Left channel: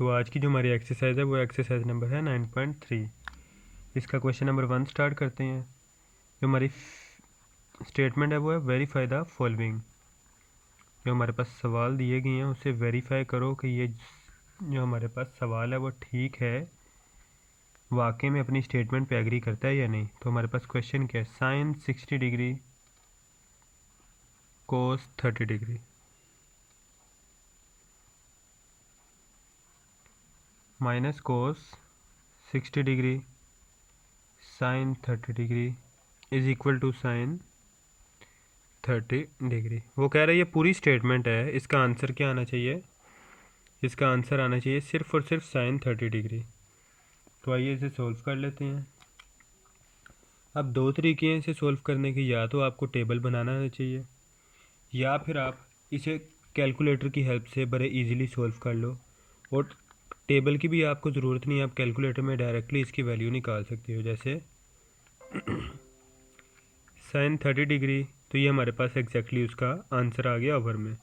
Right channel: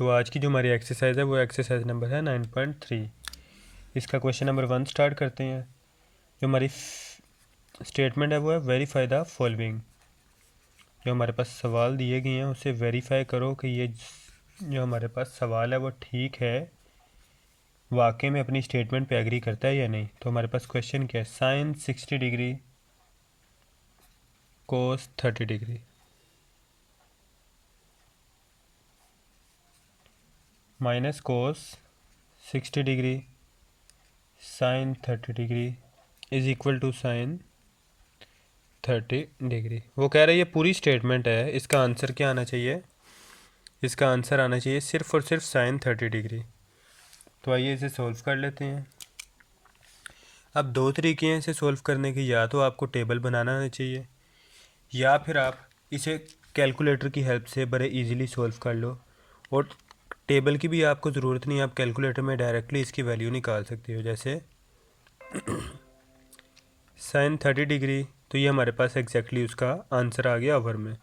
तो आज की जो हमारी एक्सरसाइज है वो एक्सरसाइज नंबर है 9.3। इसका क्वेश्चन नंबर 1 स्टार्ट करते हैं। जो हमारी स्टेटमेंट है वो है वेरीफाई द फॉलोइंग। जो हमारे पास सवाल दिए गए हैं उसे वेरीफाई करो कि ये जो हमारे पास सवाल है वो ठीक है, वाकई में अपनी स्टेटमेंट पे एग्री करता है या नहीं। तो हमारे पास क्वेश्चन क्या है, sine 60 degree cos 30 degree. Minus cos 60 degree sine 30 degree is equal to sine 30 degree. वो कह रहा है ये पूरी स्टेटमेंट है, इसका आंसर क्या आना चाहिए, इसका आंसर आना चाहिए सिर्फ और सिर्फ साइन 30 डिग्री। तो आइए इसे सॉल्व कर लेते हैं। अब दो तरीके हैं इसे सॉल्व करने के, या तो आपको टेबल बनाना आना चाहिए या फिर आप इसे कैलकुलेटर की हेल्प से बड़े इजीली सॉल्व कर लो। और टेबल की भी आपको ज़रूरत नहीं है, आप कैलकुलेटर में डायरेक्टली इसकी वैल्यू निकाल सकते हो। जैसे साइन 30 डिग्री, तो ये हमारे पास एग्जैक्टली उसका आंसर आ गया ओवर में।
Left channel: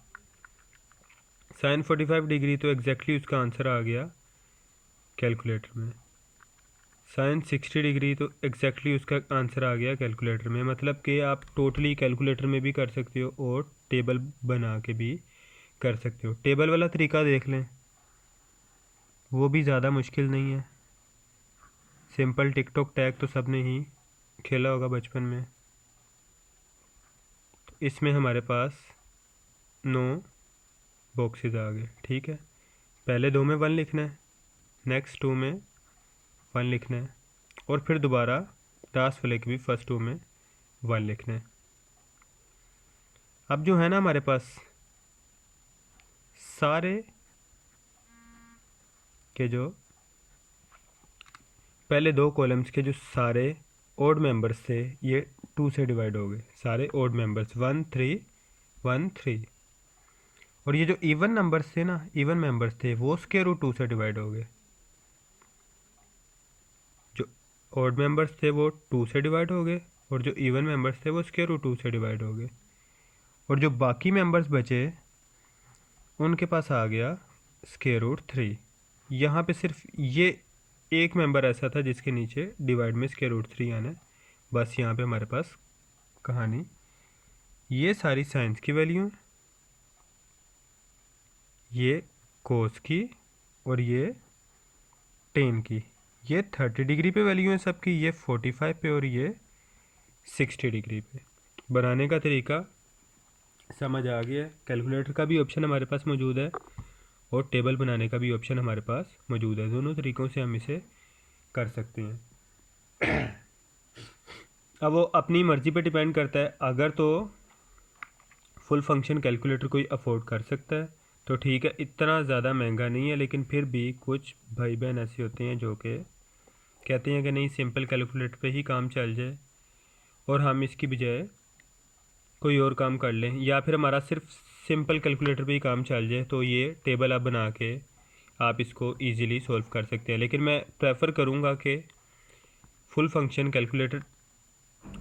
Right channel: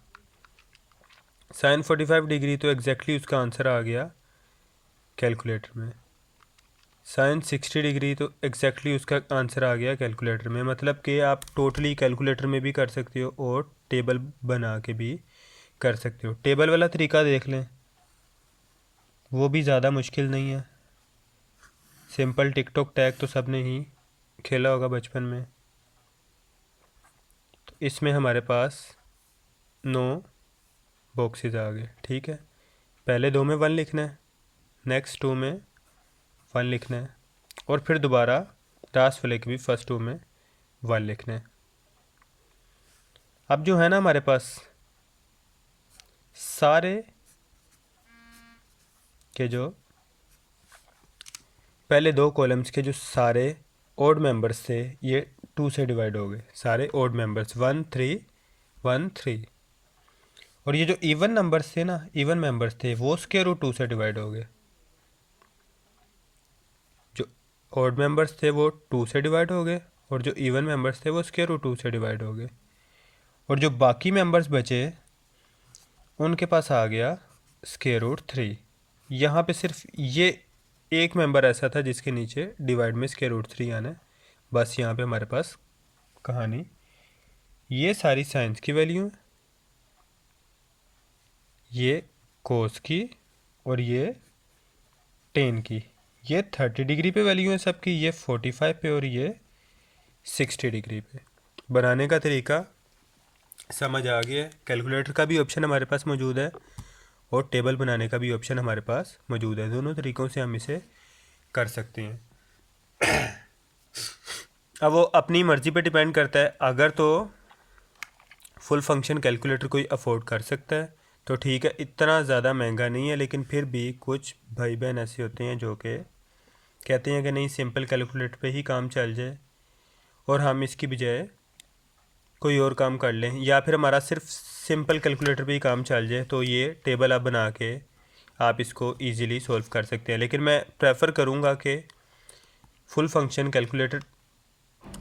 साइन 45 डिग्री, तो एग्जैक्टली उसका आंसर आ गया कैलकुलेटर में। साइन 60 डिग्री, तो एग्जैक्टली उसका आंसर आ गया कैलकुलेटर में। मतलब कि आप टोटली कैलकुलेटर में भी कर सकते हो और टेबल बना के भी कर सकते हो। टेबल वाला तरीका देख लें, वो भी ज़्यादा मुश्किल नहीं है। सिंपल टिक टॉक टैग तो सब ने ही खेला होगा बचपन में। तो इसमें हमारे पास 9 बॉक्सेस आ गए, ठीक है। पहले 2 में 1 लिखना है, नेक्स्ट 2 में 1 लिखना है, और फिर दोबारा लास्ट वाले के भी फर्स्ट 2 में 1 लिखना है। अब जो है ना हमारे पास सारे के जो पहले 2 कॉलम्स के जो सारे ओड मेंबर्स थे ये 2 से डिवाइड हो गए। सारे ओड मेंबर्स 1 3 1 3, और ये जो इवन नंबर्स थे ना, इवन मेंबर्स थे, वो स्क्वायर रूट 2 से डिवाइड हो गए। जो ओड मेंबर्स थे वो 2 से डिवाइड हो गए, और जो इवन मेंबर्स थे वो स्क्वायर रूट 2 से डिवाइड हो गए। और जो बाकी मेंबर्स बचे उनके पास आ गया स्क्वायर रूट 3। यहाँ पे सिर्फ ये एक मेंबर ऐसा था जिसके नीचे डिवाइड में स्क्वायर रूट 3 आना है। बस यहाँ पे हमारे पास कहानी, ये सारी साइंस की वैल्यू है, ये कोस की और ये टेन की। ये 30 डिग्री पे वैल्यू है सबकी, ये 45 पे और ये 60 डिग्री पे। बनाने का तरीका समझ आ गया। कैलकुलेटर का भी ऑप्शन हमारे पास मौजूद है और टेबल बनाने का भी ऑप्शन हमारे पास मौजूद है। दोनों तरीक़ों से हम इसे कर सकते हैं। अब वो अपनी मर्ज़ी पे डिपेंड करता है। अगर तो फुल फंक्शन कैलकुलेटर कोई अफोर्ड कर सकता है तो ठीक है, इतना ज़्यादा महंगा नहीं है, लेकिन फिर भी कुछ भाई बहन ऐसे होते हैं जो कि कहते हैं कि नहीं सिंपल कैलकुलेटर पे ही काम चल जाए और हम इसकी बजाय कोई और काम कर लें, या फिर हमारा सिर्फ सिंपल कैलकुलेटर पे ही काम चल जाए। तो ये टेबल आप बना के आप इसको इजीली सॉल्व कर सकते हैं। लेकिन मैं प्रेफर करूँगा कि फुल फंक्शन कैलकुलेटर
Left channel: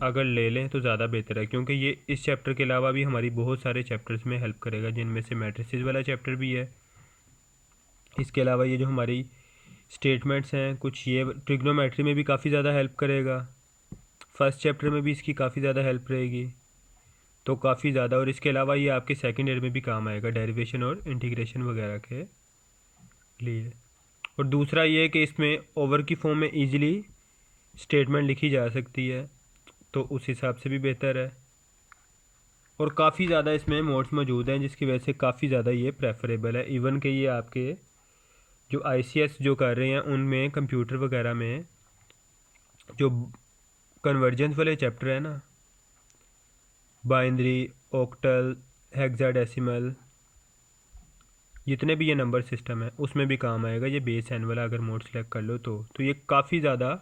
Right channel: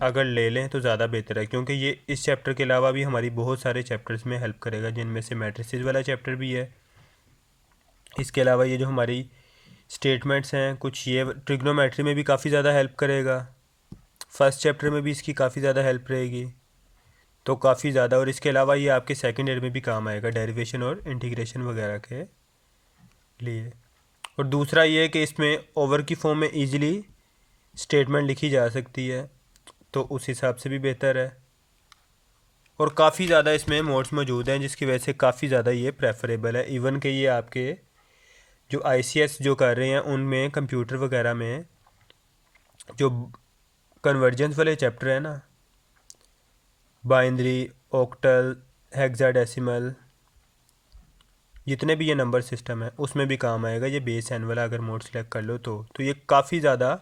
अगर ले लें तो ज़्यादा बेहतर है, क्योंकि ये इस चैप्टर के अलावा भी हमारी बहुत सारे चैप्टर्स में हेल्प करेगा, जिनमें से मैट्रिसेस वाला चैप्टर भी है। इसके अलावा ये जो हमारी स्टेटमेंट्स हैं कुछ, ये ट्रिग्नोमेट्री में भी काफ़ी ज़्यादा हेल्प करेगा। फर्स्ट चैप्टर में भी इसकी काफ़ी ज़्यादा हेल्प रहेगी, तो काफ़ी ज़्यादा। और इसके अलावा ये आपके सेकेंड ईयर में भी काम आएगा, डेरिवेशन और इंटीग्रेशन वगैरह के लिए। और दूसरा ये कि इसमें ओवर की फॉर्म में ईजिली स्टेटमेंट लिखी जा सकती है, तो उस हिसाब से भी बेहतर है। और काफ़ी ज़्यादा इसमें मोड्स मौजूद हैं, जिसकी वजह से काफ़ी ज़्यादा ये प्रेफरेबल है। इवन के ये आपके जो ICS जो कर रहे हैं उनमें कंप्यूटर वगैरह में जो कन्वर्जेंस वाले चैप्टर है ना, बाइनरी, ऑक्टल, हेक्साडेसिमल, जितने भी ये नंबर सिस्टम है उसमें भी काम आएगा ये बेस एन वाला, अगर मोड सेलेक्ट कर लो तो ये काफ़ी ज़्यादा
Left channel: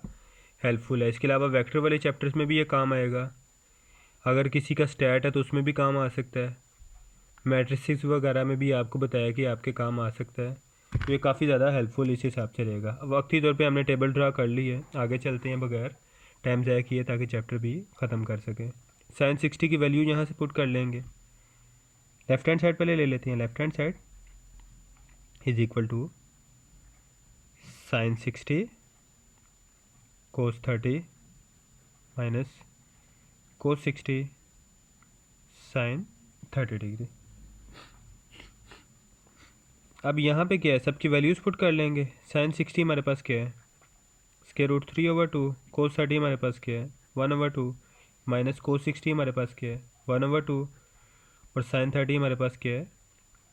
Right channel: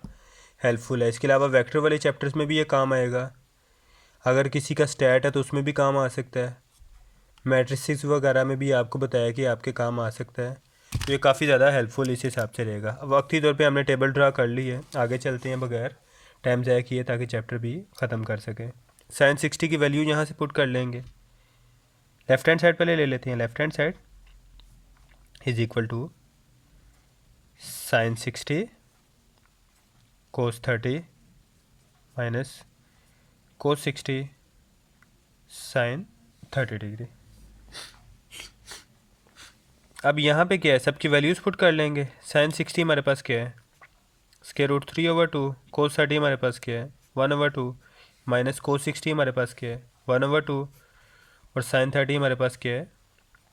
हेल्पफुल है। इसके अलावा वेक्टर वाले चैप्टर्स में भी ये काम आएगा। अगर किसी का स्टैट है तो उसमें भी काम आ सकता है। मैट्रिसेस वगैरह में भी आपको बताया कि आपके काम आ सकता है, तो ये काफ़ी ज़्यादा हेल्पफुल इस हिसाब से रहेगा। अब वक्ती तौर पे हमने टेबल ड्रा कर ली है, आगे चलते हैं बगैर टाइम ज़ाया किए ताकि चैप्टर भी ख़त्म कर सकें। साइन 60 की वैल्यू यहाँ से पुट कर लेंगे। लेफ़्ट हैंड साइड पहले ले लेते हैं। Left hand side is equal to sine 60 cos 30 minus cos 60 sine 30 degree. अब यहाँ पे क्या है, सबकी वैल्यूज़ पुट कर लेंगे। साइन 60 हमारे पास क्या है, स्क्वायर रूट 3/2। कोस 30 हमारे पास क्या है, 1/2 माइनस कोस 60 हमारे पास क्या है, 1/2 और साइन 30 हमारे पास क्या है,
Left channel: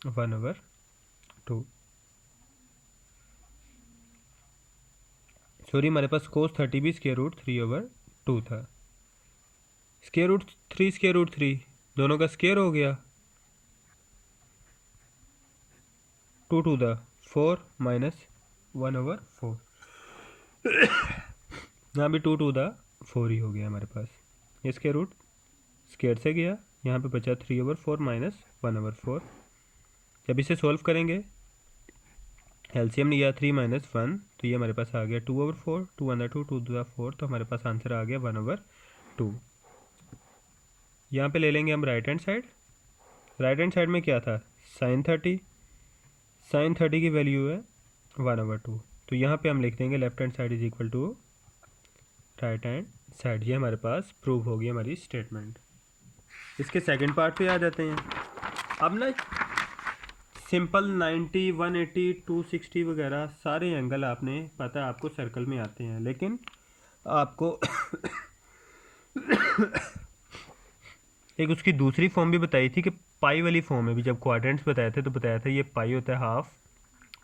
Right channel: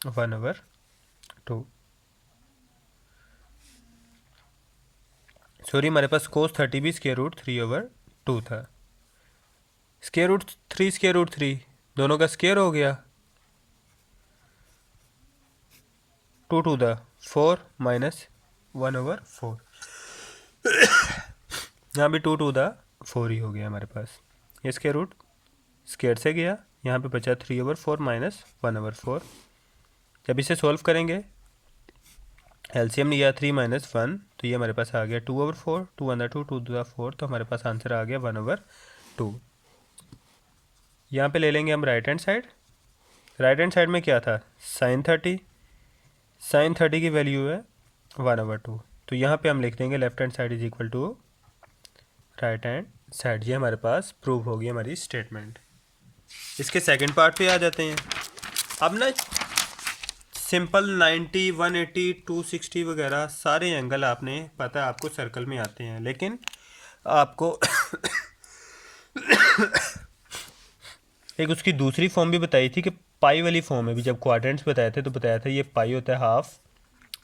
1/2। सॉरी, हमारे पास कोस 30 भी स्क्वायर रूट 3/2 था। स्क्वायर रूट 3 स्क्वायर रूट 3 दोनों का स्क्वायर हो गया, 2 टू द 4 माइनस 1/4। यहाँ भी 2 टू द 4 ही हो गया हमारे पास। ये स्क्वायर रूट स्क्वायर से गया, यहाँ पे बचा 3/4 माइनस 1/4। जब इसे सॉल्व करेंगे, एलसीएम लिया 3 माइनस 1, तो ये हमारे पास आ गया 2/4, 2 टू द 4, तो हमारे पास आंसर आ गया 1/2। यहाँ पे ले लेंगे हम right hand side. Right hand side में क्या था, साइन 30। साइन 30 की वैल्यू है 1/2, तो यहाँ पे हम लिख देंगे left hand side is equal to right hand side. ये हमारे पास प्रूव होगी हमारी स्टेटमेंट। इसके सेकंड पार्ट पे आ जाते हैं। अब ना सिंपल 90, 180, 260 वगैरह सारे एंगल आपने पता है आपको सर्कल में आते हैं, लेकिन आपको एक उसकी दूसरी फॉर्म भी बताई थी कि पाई वाली फॉर्म है भी। जब क्वाड्रेंट्स बताए थे तो बताया था ये पाई होता है हाफ,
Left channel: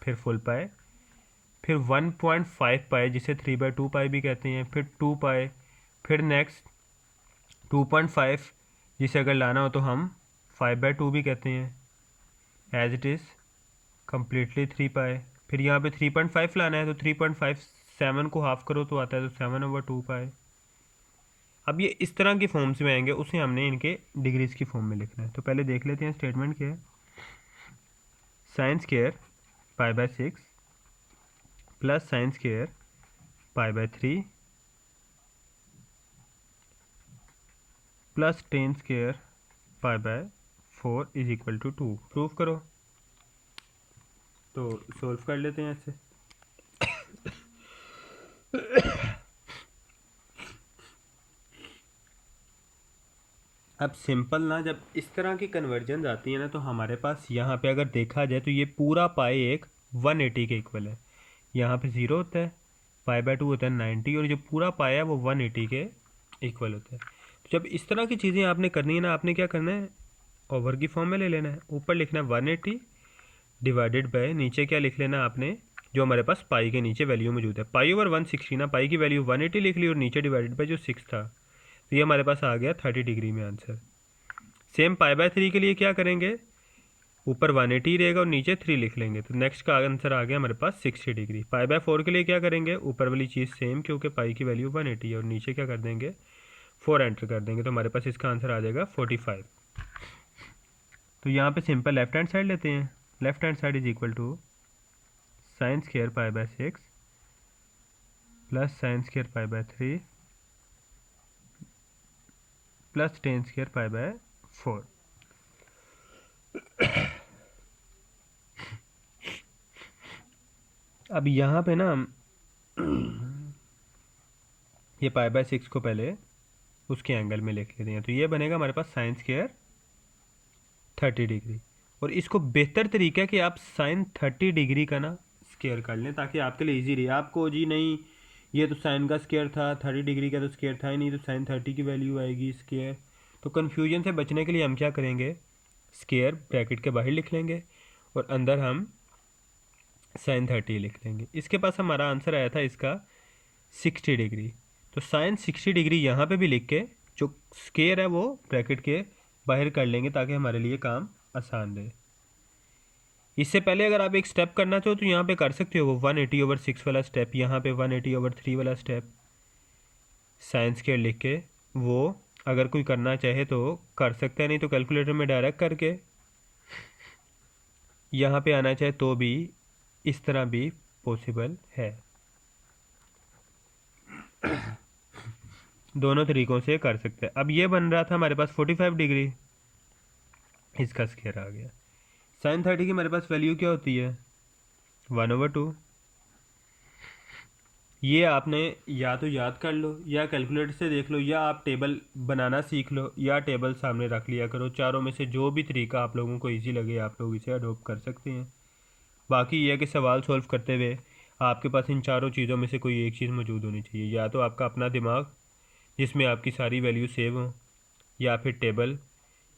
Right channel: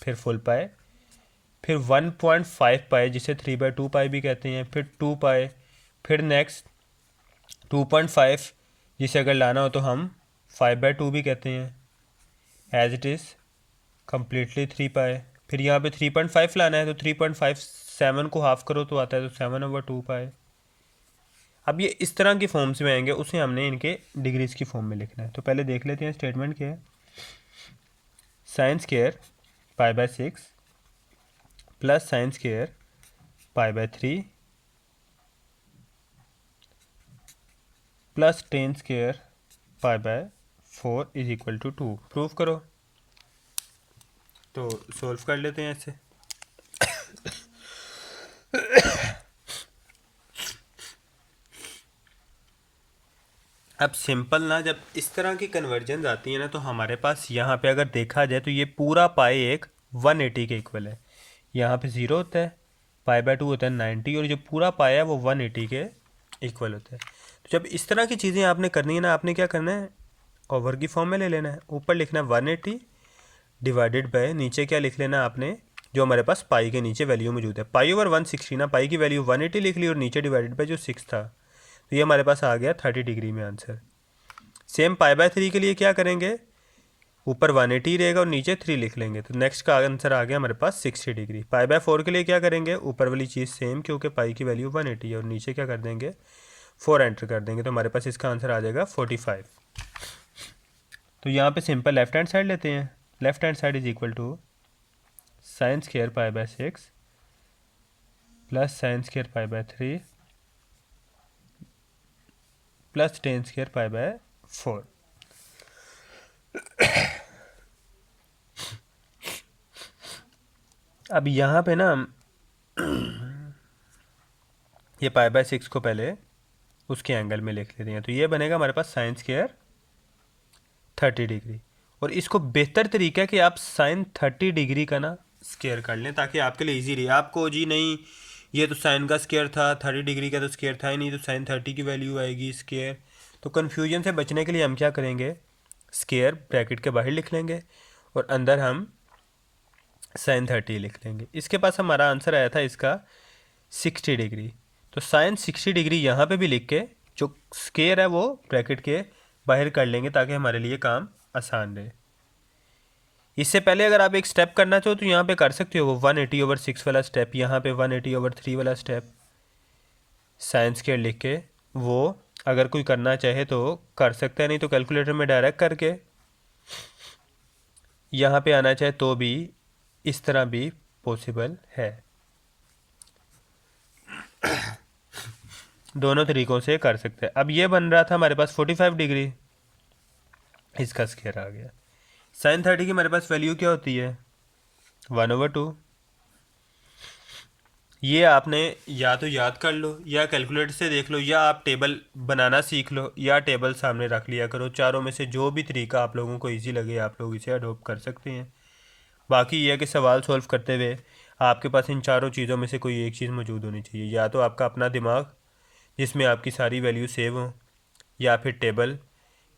फिर फुल पाई, फिर 1.5 पाई जिसे 3/2 पाई भी कहते हैं, फिर 2 पाई, फिर नेक्स्ट 2.5 जिसे अगर लाना हो तो हम 5/2 भी कहते हैं, एज इट इज़ कम्प्लीटली 3 पाई। फिर यहाँ पे 3.5 लाना है तो 3.57 को हाफ करो तो आता है तो 7/2 पाई। अब ये इस तरह की फॉर्म्स में आएंगे, उसे हमने इनके डिग्रीज की फॉर्म में लिखना है। तो पहले देख लेते हैं स्टेटमेंट क्या है। Sine square π/6 plus sine square π/3 plus tan square π/4 is equal to 2। Prove करो। तो सॉल्व कर लेते हैं ऐसे। अब सिंपल ना, जब इस तरह की कन्वर्जन आती है ना, तो हमारे पास यहाँ पे अगर देखा जाए तो ये पूरा पाई एक 180 के इक्वल है। यहाँ पे 0 होता है, π/2 होता है 90, और जो पूरा पाई है वो 180 के इक्वल होता है। तो जब इस तरह की चीज़ें आपने करनी है ना, आपने क्या करना है, ओवर की फॉर्म में ले लेना है। ऊपर लिखना है 180 डिवाइडेड बाय, नीचे क्या लिख लेना आपने, जो हमारे पास पाई के नीचे वैल्यू मौजूद है, π/160 ना, पाई की वैल्यू 180 लिख ली और नीचे डिवाइडेड बाय जो 6 था, तो ये हमारे पास आ गया 30 डिग्री में आंसर। सेम π/3 के लिए क्या करेंगे, ऊपर 180 रहेगा और नीचे 3 लिख लेंगे, तो नेक्स्ट का आंसर आ गया हमारे पास 60 डिग्री। π/4 के लिए क्या करेंगे, ऊपर वाली चीज़ सेम, क्योंकि पाई की वैल्यू 180 है, और नीचे क्या कर देंगे 4 एंटर कर देंगे, तो हमारे पास इसका आंसर आ जाएगा 45। तो यहाँ पे सिंपल लेफ्ट हैंड साइड लेते हैं। Left hand side is equal to sine square π/6 plus sine square π/3 plus tan square π/4। अब यहाँ पे ना ये π/6 को पहले उसके एंगल में लिख लेते हैं, तो ये बनेगा हमारे पास साइन स्क्वायर 30 डिग्री। और इसको बेहतर तरीका है कि आप साइन 30 डिग्री का ना स्क्वायर कर लें, ताकि आपके लिए इजी रहे। आपको जी नहीं ये तो साइन का स्क्वायर था, 30 डिग्री का तो स्क्वायर था ही नहीं, तो साइन 30 की वैल्यू आएगी स्क्वायर। तो कन्फ्यूजन से बचने के लिए हम क्या करेंगे, स्क्वायर ब्रैकेट के बाहर लिख लेंगे और अंदर हम साइन 30 लिख लेंगे। इसके पास हमारा आंसर आया था इसका 60 डिग्री, तो साइन 60 डिग्री यहाँ पे भी लिख के जो स्क्वायर है वो ब्रैकेट के बाहर कर लेंगे, ताकि हमारे लिए काम आसान रहे। इससे पहले अगर आप एक स्टेप करना चाहो तो यहाँ पे कर सकते हो, वो 180/6 वाला स्टेप, यहाँ पे 180/3 वाला स्टेप साइन स्क्वायर लिख के, वो अगर कोई करना चाहे तो कर सकता है, नहीं तो कैलकुलेटर में डायरेक्ट करके यहाँ पे आना चाहे तो भी इस तरह भी पॉसिबल है। दोनों तरीक़ों से कर सकते हैं। अब ये बन रहा था हमारे पास 45 डिग्री, इसका स्क्वायर आ गया। साइन 30 की हमारे पास वैल्यू क्या होती है 1/2, ये आपने या तो याद कर लो या कैलकुलेटर से देख लो या आप टेबल बनाना सीख लो या टेबल सामने रख लिया करो। चारों में से जो भी तरीका आप लोगों को इजी लगे आप लोग इसे अडोप्ट कर सकते हैं। बाकी ये है कि सवाल सॉल्व करते हुए आपके पास इन चारों चीज़ों में से कोई एक चीज़ मौजूद होनी चाहिए। या तो आपका अपना दिमाग जिसमें आपकी सारी वैल्यू सेव हों, या फिर टेबल,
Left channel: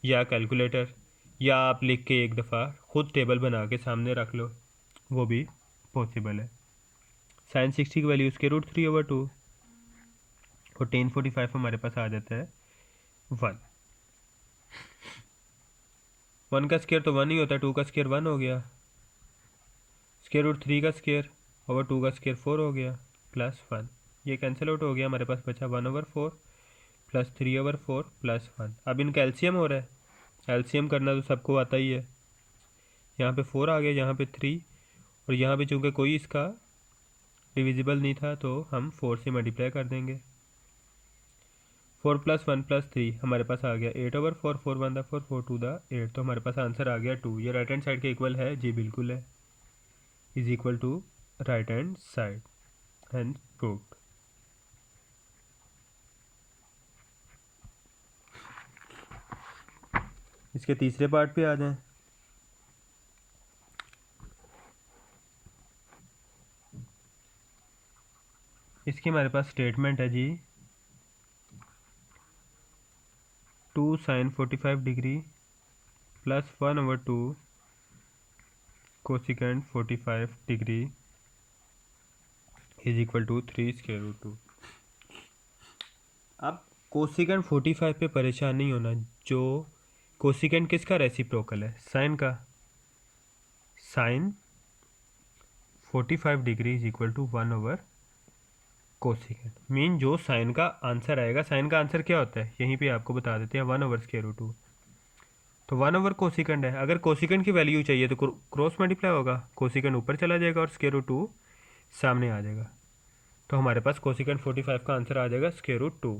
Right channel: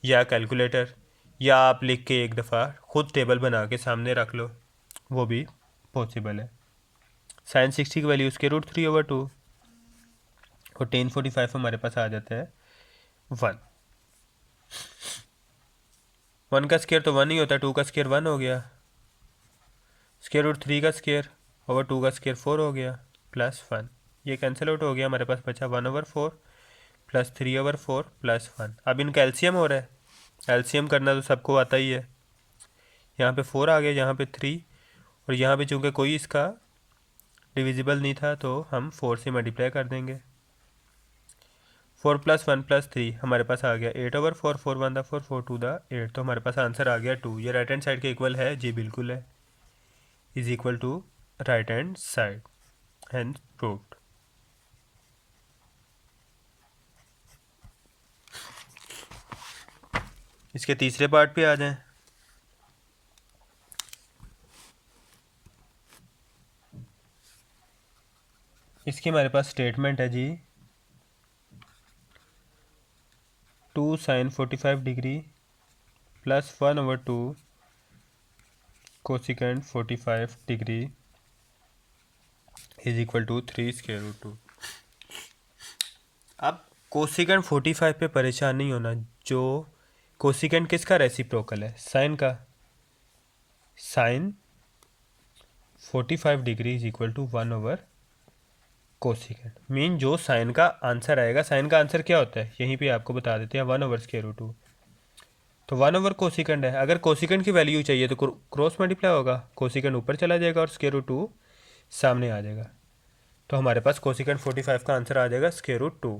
या कैलकुलेटर, या आप लिख के एक दफ़ा खुद टेबल बना के सामने रख लो, वो भी पॉसिबल है। साइन 60 की वैल्यू √3/2 और टेन 45 हमारे पास आ जाता है 1। 1 का स्केयर तो 1 ही होता है, 2 का स्केयर 1 हो गया, √3 का स्केयर ओवर 2 का स्केयर 4 हो गया, +1। ये कैंसिल आउट हो गया, हमारे पास बचा 1/4 + 3/4 +1। अब इनका एलसीएम हो रहा है। एलसीएम करना तो सबको आता ही है। यहाँ पे 4 आ गया, यहाँ पे 3, और यहाँ पे चूँकि कोई इसका डिविजिबल नहीं था तो हम 4 से मल्टीप्लाई कर देंगे। 4 + 1 + 3 हमारे पास आ गया 8/4, 4 1 दा 4, 4 2 दा 8, तो हमारे पास आंसर आ गया 2। ये राइट हैंड साइड के इक्वल है जी, बिल्कुल है, is equal to right hand side, hence proved. इसके तीसरे पार्ट पे आ जाएं। इसकी हमारे पास स्टेटमेंट है जी, 2 sin 45 degree + 1/2 cosecant 45 degree is equal to 3√2। अब कोसिकेंट 45 पे परेशान नहीं होना। जो कोसिकेंट किसका रेसिप्रोकल है? साइन का। Sine 45 degree is equal to 1/कोसिकेंट। मीन जो साइन का आंसर आएगा, साइन का आंसर क्या होता है यहीं पे आपको बता देते हैं, 1/√2। तो 1/कोसिकेंट है। अगर कोसिकेंट की वैल्यू चाहिए तो क्रॉस मल्टीप्लाई होगा, कोसिकेंट ऊपर चला जाएगा और √2 सामने आ जाएगा। तो हमारे पास कोसिकेंट 45 का आंसर आ जाएगा √2।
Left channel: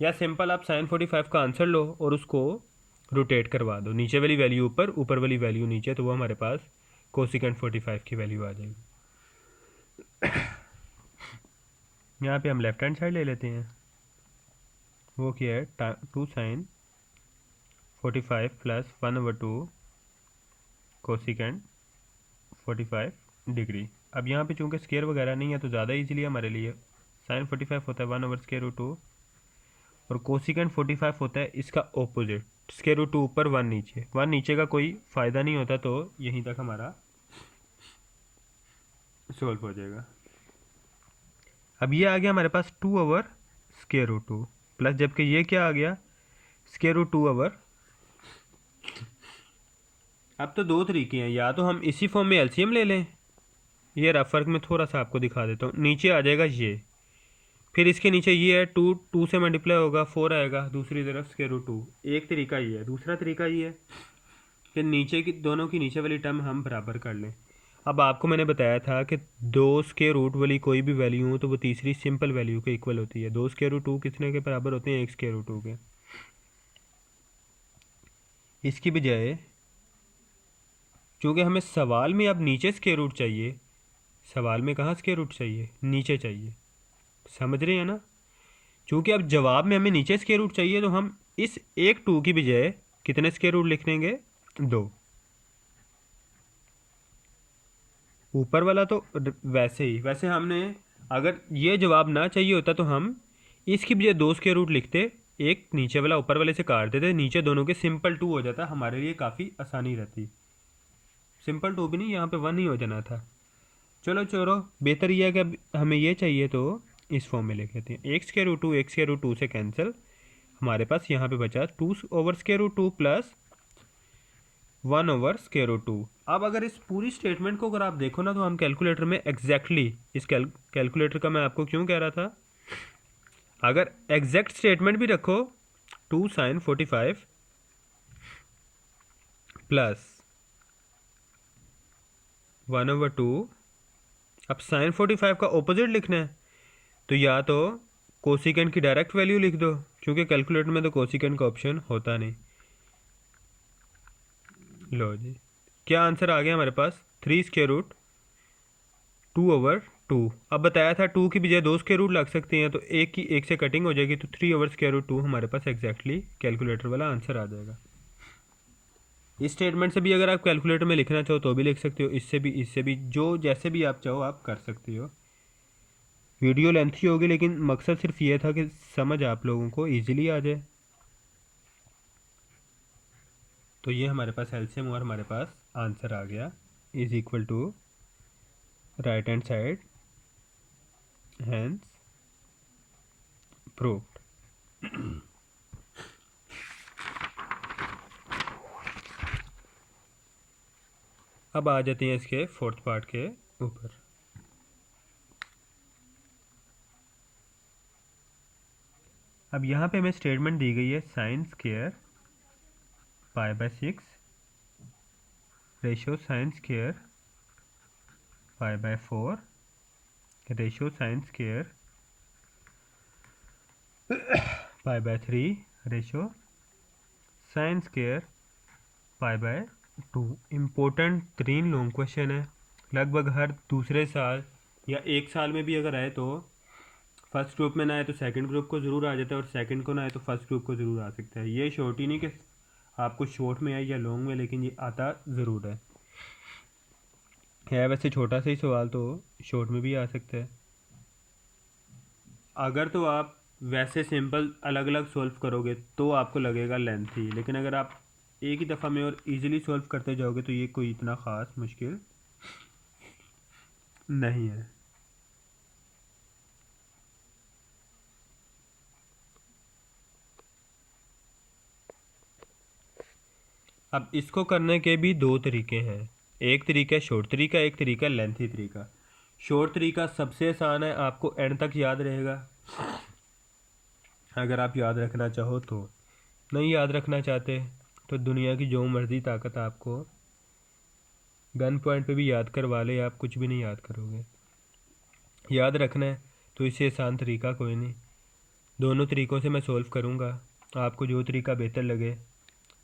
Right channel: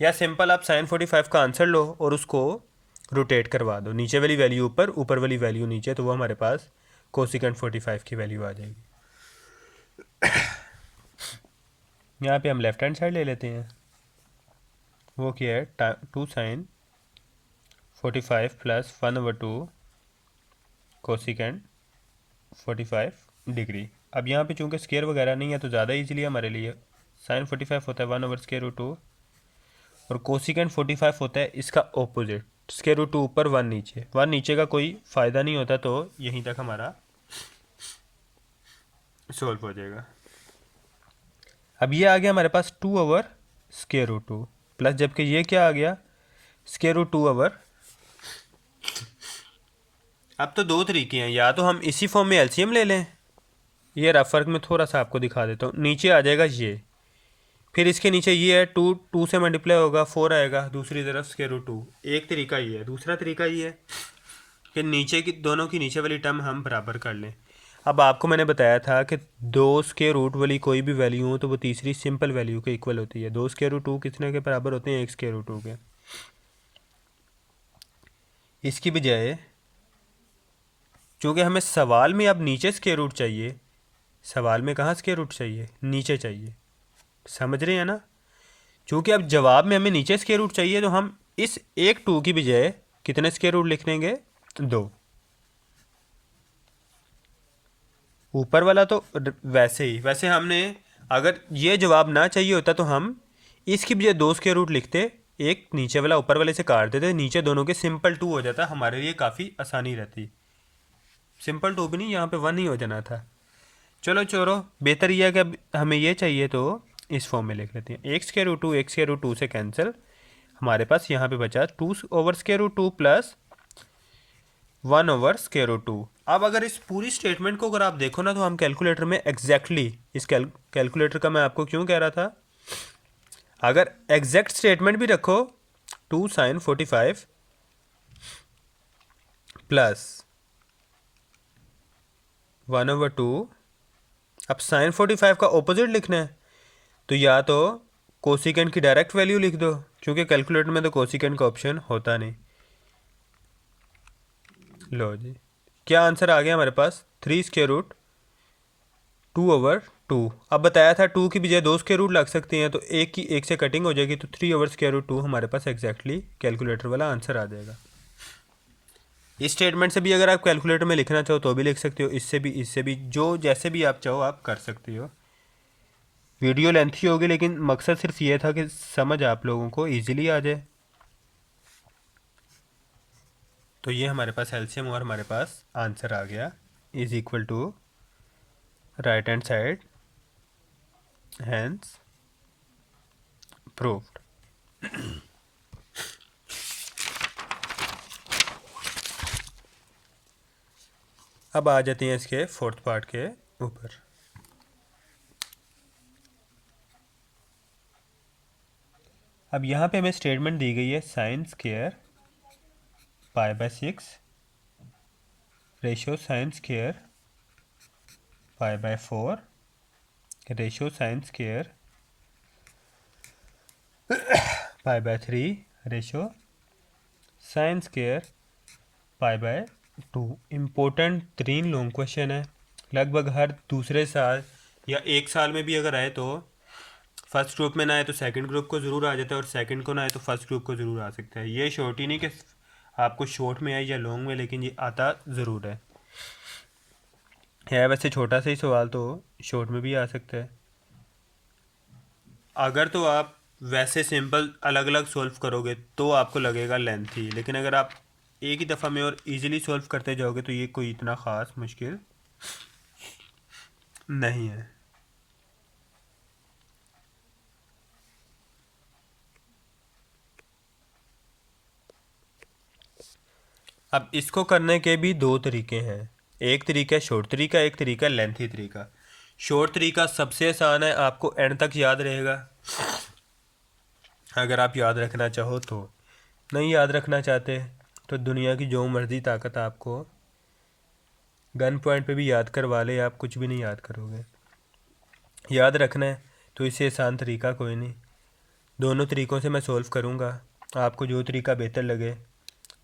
या सिंपल आप साइन 45 का आंसर लो और उसको रोटेट करवा दो, नीचे वाली वैल्यू ऊपर, ऊपर वाली वैल्यू नीचे, तो वो हमारे पास कोसिकेंट 45 की वैल्यू आ जाएगी। यहाँ पे हम लेफ्ट हैंड साइड ले लेते हैं। वो क्या है? 2 sin 45 + 1/2 कोसिकेंट 45 डिग्री। अब यहाँ पे चूँकि स्केयर वगैरह नहीं है तो ज़्यादा इजीली हमारे लिए। साइन 45 होता है 1/√2 और कोसिकेंट 45 होता है इसका ऑपोजिट, √2 ऊपर 1 नीचे। 1 नीचे का कोई फ़ायदा नहीं होता, तो यहीं तक हमारा सॉल्व हो जाएगा। अब ये आ गया हमारे पास 2/√2 प्लस, जबकि ये क्या आ गया? √2। अब तो दो तरीके हैं, या तो हम इसी फॉर्म में एलसीएम ले लें, ये रफ वर्क में थोड़ा सा आपको दिखा देता हूँ। नीचे आ जाएगा ये, फिर इसके नीचे ये है 2, 2 से मल्टीप्लाई होगा 4 आएगा, दूसरी तरफ √2। एक तरीका ये है। दूसरा तरीका ये है कि नीचे की दोनों की नीचे वाली टर्म हम बराबर कर लें। अब आपको मैंने बताया था कि 2 स्क्वायर रूट वाली कोई भी वैल्यू हो तो वो तीसरी सिंपल वैल्यू के इक्वल होती है। 2 √2 कितने के बराबर होते हैं? 1 √2 के। इसकी बजाय चूँकि हमें सवाल में अब नीचे स्क्वायर रूट चाहिए, सवाल में कहाँ स्क्वायर रूट चाहिए? नीचे चाहिए। समझ रहे हैं ना? चूँकि अब जवाब में हमें नीचे स्क्वायर रूट चाहिए तो हम इस एक 2 की बजाय कितने स्क्वायर रूट लिख लेंगे? 2। ऊपर वाला तो वैसे ही, वैसे हमने अगर ये जवाब ना चाहिए होता तो हम इसकी बजाय 2 स्क्वायर रूट लिखते, एक नीचे वाला ऊपर वाले से काट देते, नीचे दोनों के सिंपल 2 हो जाता, हमारे लिए काफ़ी आसानी रहती। सिंपल 2 भी नहीं, यहाँ पे 1 ही हो जाना था। चलो चलो, बेहतर यह है कि अब हमें ये चाहिए तो इस फॉर्म में लिख लेते हैं। 1 √2 1 √2 से कैंसिल, हमारे पास यहाँ पे बचा 2/√2 प्लस 1/√2। अब अगर इस पूरी स्टेटमेंट को अगर आप देखो ना तो हम कैलकुलेटर में एग्जैक्टली इस कैलकुलेटर का मैं आपको क्यों कह रहा था, अगर एग्जैक्ट स्टेटमेंट भी रखो 2 sin 45 प्लस 1/2, अब साइन 45 का ऑपोजिट लिखना है तो या तो कोसिकेंट की डायरेक्ट वैल्यू लिख दो, क्योंकि कैलकुलेटर में तो कोसिकेंट का ऑप्शन होता नहीं। लो जी, क्या आंसर आ गया हमारे पास? 3 √2 2/2। अब बताया था 2 की बजाय 2 स्क्वायर रूट लग सकते हैं, तो एक से कटिंग हो जाएगी, तो 3/√2 हमारे पास एग्जैक्टली कैलकुलेटर वाला आंसर आ जाएगा। इस स्टेटमेंट से भी अगर आप कैलकुलेटर में लिखना चाहो तो भी लिख सकते हो, इससे भी जो जैसे भी आप चाहो आप कर सकते हो। वीडियो लेंथी होगी, लेकिन मकसद सिर्फ ये था कि समझ आप लोगों को ईजिली आ जाए। तो ये हमारे पास एलसीएम और हमारे पास आंसर आ गया, is equal to right hand side, hence proved. अब आ जाते हैं इसके फोर्थ पार्ट के ऊपर। अब यहाँ पे हमें स्टेटमेंट दी गई है sine square π/6 ratio sine square π/4 ratio sine square π/3 ratio sine square π/2। Important 3 long question है, लगभग हर दूसरे साल या एक साल में भी अगर आए तो फर्स्ट ग्रुप में ना आए तो सेकंड ग्रुप को ज़रूर आ जाता है, और सेकंड को ना आए तो फर्स्ट ग्रुप को ज़रूर आ सकता है। ये शॉर्ट ही नहीं कि आपको शॉर्ट में आए या लॉन्ग में, लेकिन ये आता ज़रूर है वैसे छोटा सा ही सवाल, तो शॉर्ट में भी आ सकता है। अगर तो आप वैसे सिंपल अलग अलग सॉल्व करोगे तो आपको लगेगा लेंथी, लेकिन अगर आप एक ही दफ़ा में और इजीली सॉल्व करते जाओगे तो ये कोई इतना ख़ास मुश्किल नहीं है। अब इसको करने के भी 2 तरीके हैं, एक तरीका है शॉर्ट तरीका, एक तरीका है लेंथी तरीका। शॉर्ट तरीका सबसे आसान है, आपको एंड तक याद रहेगा अगर आप याद रखना चाहो तो। नहीं याद रखना चाहते तो दुनिया की जो मर्जी ताकत आपको गन पॉइंट पे भी याद करवा ले, आप कुछ भी नहीं याद करोगे। याद रखना है तो इससे आसान तरीका कोई नहीं। दोनों तरीक़ों से मैं सोल्व करूँगा, आपको जो तरीका बेहतर लगे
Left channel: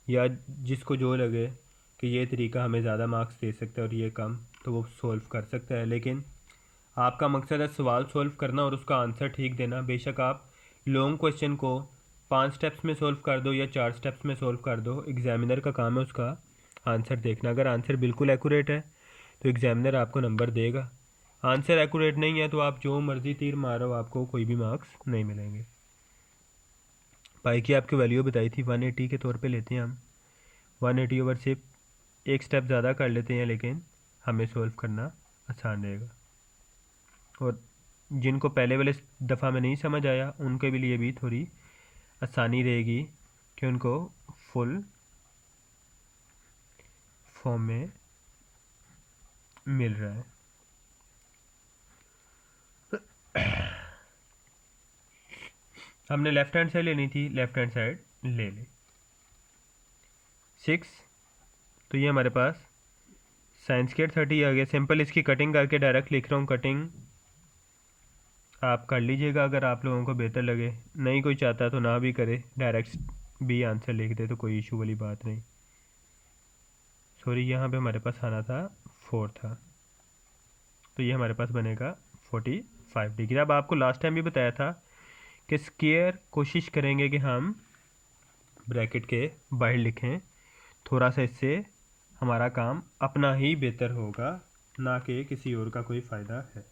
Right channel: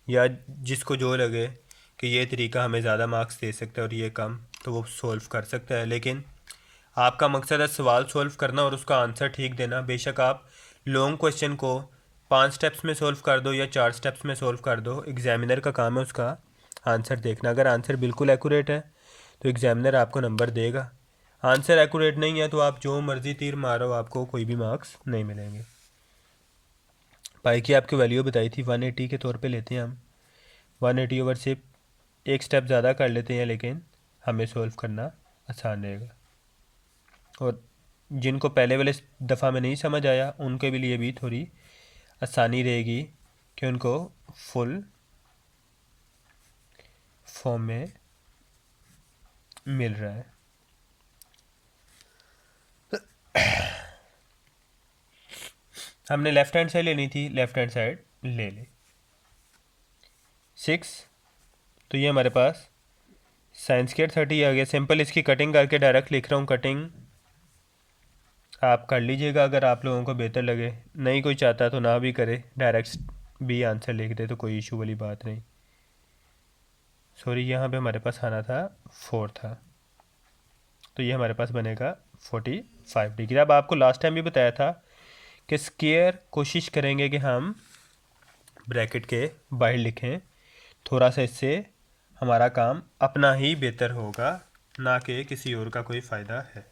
या जिसको जो लगे कि ये तरीका हमें ज़्यादा मार्क्स दे सकता है और ये कम, तो वो सोल्व कर सकता है। लेकिन आपका मकसद है सवाल सोल्व करना और उसका आंसर ठीक देना। बेशक आप लॉन्ग क्वेश्चन को 5 स्टेप्स में सोल्व कर दो या 4 स्टेप्स में सोल्व कर दो, एग्जामिनर का काम है उसका आंसर देखना। अगर आंसर बिल्कुल एक्यूरेट है तो एग्जामिनर आपको नंबर देगा, आंसर एक्यूरेट नहीं है तो आप जो मर्ज़ी तीर मारो आपको कोई भी मार्क्स नहीं मिलेंगे। पाई की आपकी वैल्यू बताई थी 180 के तौर पे लेते हैं हम, 180 ओवर से एक स्टेप ज़्यादा कर लेते हैं, लेकिन हमें सोल्व करना आसान रहेगा। और जिनको पहले वाले दफ़ा में नहीं समझ आया उनके भी लिए भी थोड़ी आसानी रहेगी कि उनको फुल फॉर्म में मिल रहा है। हमने लेफ़्ट हैंड साइड लेनी थी, लेफ़्ट हैंड साइड ले ली 6, तो ये हमारे पास साइन स्क्वायर 30 आ गया। सिंपल इसकी कटिंग करके डायरेक्ट लिख रहा हूँ, कटिंग आप कर लीजिएगा अगर आप लोगों को बेहतर लगे, नहीं कोई चाहता तो ना भी करे, डायरेक्ट भी आंसर लिख दे तो कोई इशू वाली बात नहीं। सॉरी यहाँ पे हमारे पास आना था 4 था, तो ये हमारे पास बनेगा 45 डिग्री। अब आपको लास्ट टाइम भी बताया था कि स्क्वायर कोशिश करेंगे कि हम ब्रैकेट के बाहर लिखें, थोड़ा सा इससे हमारा काम अपना ही बेहतर होगा, ना कि किसी और का कोई फ़ायदा है।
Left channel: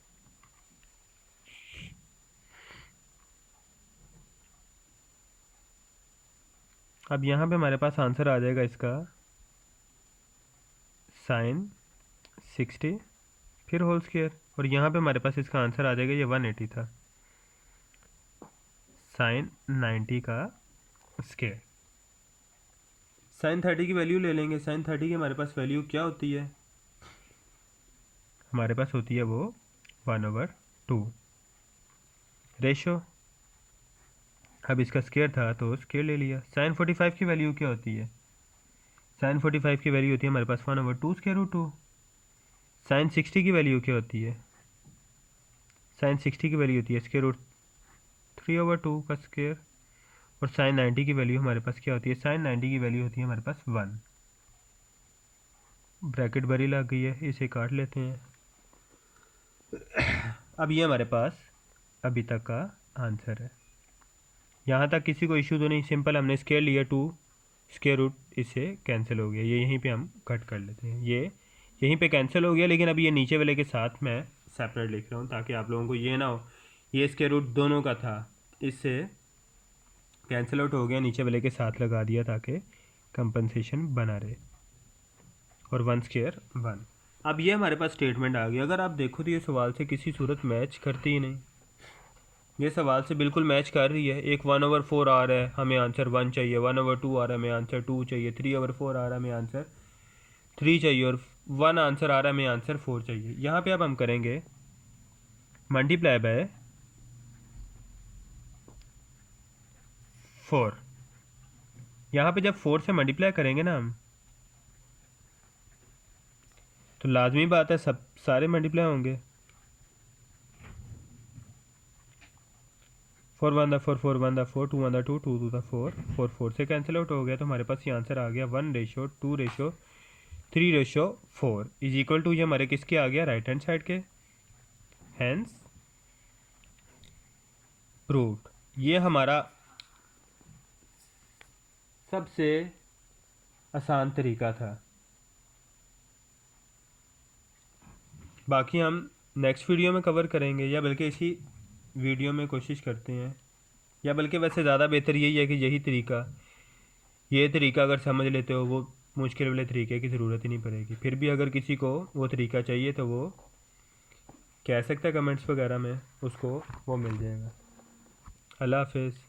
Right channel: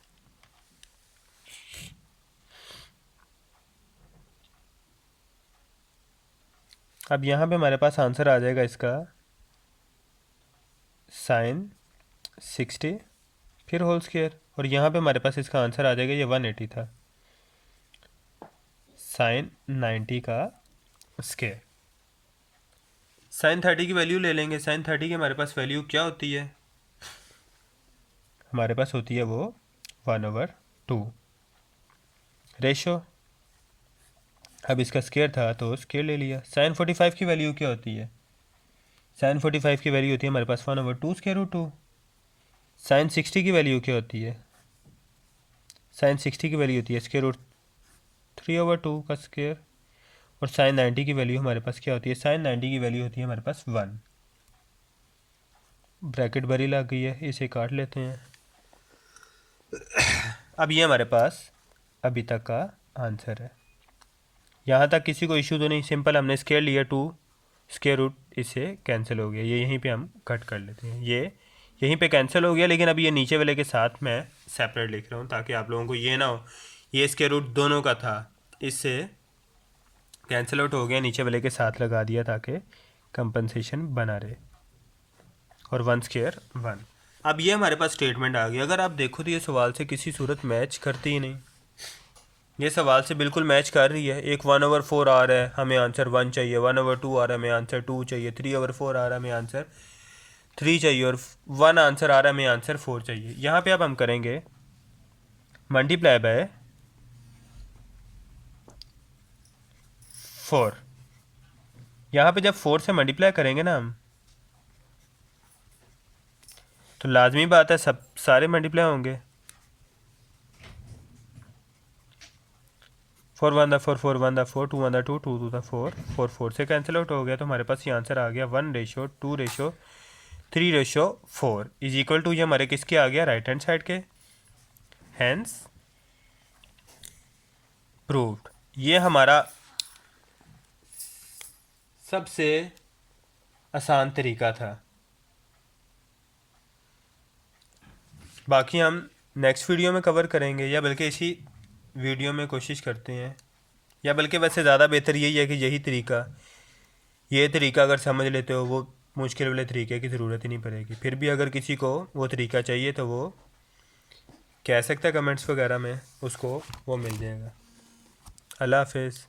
अब यहाँ पे हमारे पास आंसर आ जाएगा इसका साइन 60 फिर होल स्क्वायर, और यहाँ पे हमारे पास इसका आंसर आ जाएगा, ये 180 था, साइन 90 का स्क्वायर। साइन 30 की वैल्यू ले लेंगे। साइन 30 की हमारे पास वैल्यू क्या होती है, हमारे पास होती है वो 1/2 रेशो। अब इसका स्क्वायर था तो स्क्वायर ले लिया। साइन 45 की वैल्यू क्या होती है, साइन 45 की वैल्यू होती है हमारे पास 1/2 स्क्वायर रूट 2। साइन 60 की वैल्यू क्या होती है, साइन 60 की वैल्यू होती है स्क्वायर रूट 3/2 का स्क्वायर। और साइन 90 की वैल्यू हमारे पास क्या होती है, साइन 90 की वैल्यू होती है हमारे पास 1। ब्रैकेट बड़ी लग गई है, इसे काट लेते हैं। अब ये हमारे पास अभी तक का आंसर है। यहाँ तक किसी को इशू तो नहीं, सिंपल हमने स्केयर लिया 2 स्केयर रूट, इससे कैंसिल हो गया। ये यहीं पे हम कट कर लेते हैं, ये यहीं पे कैंसिल हो गया। लेकिन अभी ये नीचे वाले के साथ मैं सेपरेट लिख रहा हूँ ताकि आप लोगों को ये ना हो ये स्केयर रूट दोनों का था, इससे कैंसिल आउट हो गया, नीचे वाले के साथ लगा दिया ताकि कंपनसेशन बना रहे। और 1 स्केयर 1। अब ये हमारे पास स्टेटमेंट आ गई। अगर आप देखो तो ये सवाल से किसी सूरत मैच करती ही नहीं, ये सवाल से बिल्कुल मैच कर रही है। एक 1/4 आ रहा है, हमें आंसर 1 चाहिए। 1/2 आ रहा है, हमें आंसर 2 चाहिए। 3/4 आ रहा है, हमें आंसर 3 चाहिए। और 1 आंसर आ रहा है, हमें आंसर 4 चाहिए। यहाँ पे अब हम करेंगे मल्टीप्लाई बाय 4। यहाँ पे जब 4 से मल्टीप्लाई करेंगे ना हम, तो लाजमी बात है सब सारे मल्टीप्लाई होंगे। 4 1 दा 4, 4 1 दा 4, 2 1 दा 2, 2 2 दा 4, 4 4 से कैंसिल आउट हो गया। तो हमारे पास ये आंसर आ गया 1:2:3:4 इज इक्वल टू, ये हमारे किसके आ गया, राइट हैंड साइड के। Hence proved. ये हमारा सबसे आसान तरीका था। बाकी हम नेक्स्ट वीडियो में कवर करेंगे, या बल्कि इसी वीडियो में कोशिश करते हैं, या बल्कि वैसे ज़्यादा बेहतर यही है कि ये तरीका अगर समझ लेते हो, वो मुश्किल वाले तरीके की ज़रूरत ही नहीं पड़ेगी। फिर भी अगर किसी को वो तरीका चाहिए तो वो कह सकता है कमेंट्स वगैरह में, उसको वो मिल जाएगा। अल्लाह हाफिज़।